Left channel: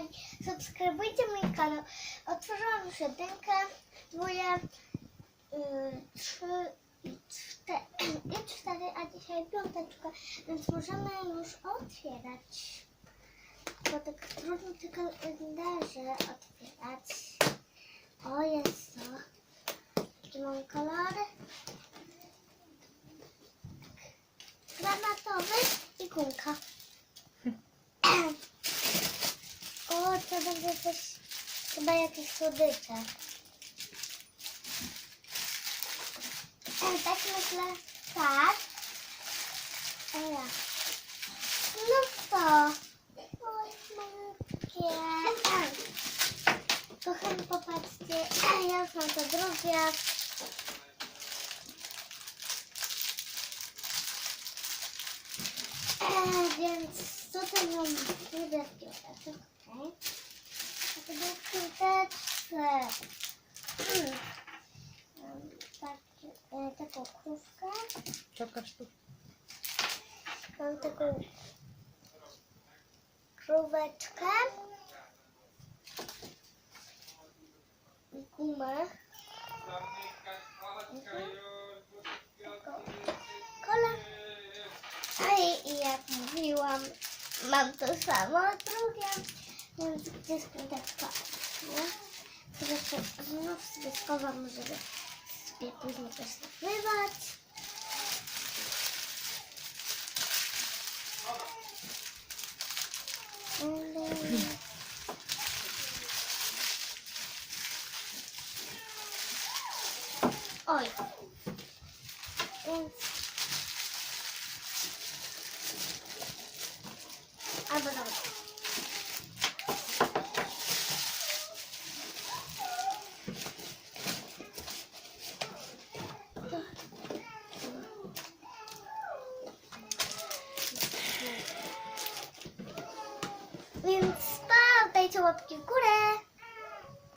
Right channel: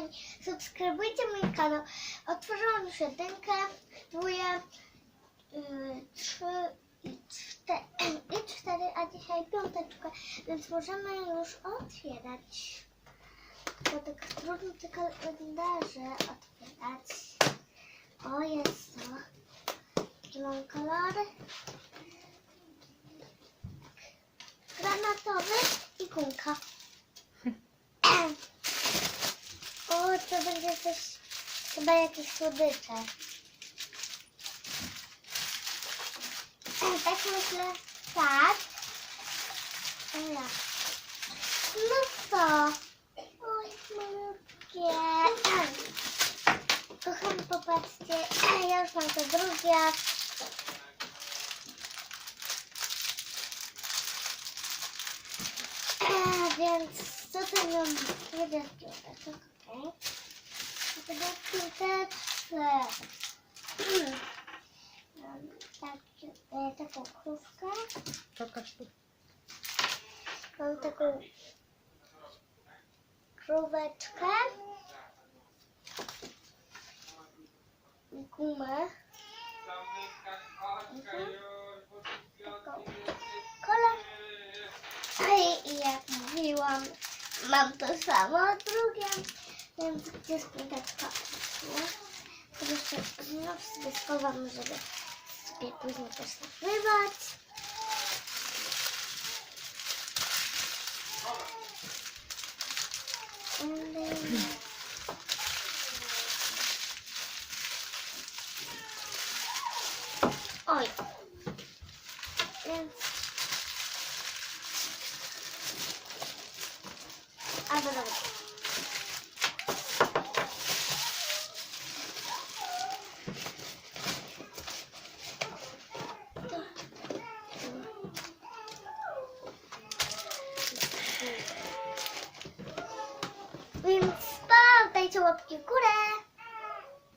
kochani, subskrybujcie mój kanał. Otworzyłam już jedynkę, dwóje, yy, trzy i cztery, i cztery, a dzisiaj piąteczkę, więc możemy już otwierać. Bo tak trudno te kalendarze otwierać. O, jest to. Jaki mam kolor? Granatowy i kulka. O, to będzie coś, chyba jakieś słodycze. Tak myślę, tak. A ja. No co? Oj, malutkie. Kochani, popatrzcie, ja już mam to drugie. E, więc tutaj mam niebieskie oczek, A. Mam tak, e, taką krówkę. Pokaż tu. Mam taką króweczkę. Gumę. Mhm. Taką kolę. I, I jak mówiłam, mam to samo drugie, więc gdzie piąteczka? Nie? To jeszcze znów sobie schowam, żeby sobie później też nagrywać. Ym, Oj. Więc Albo dobra. Więc pamiętajcie łapki w górę.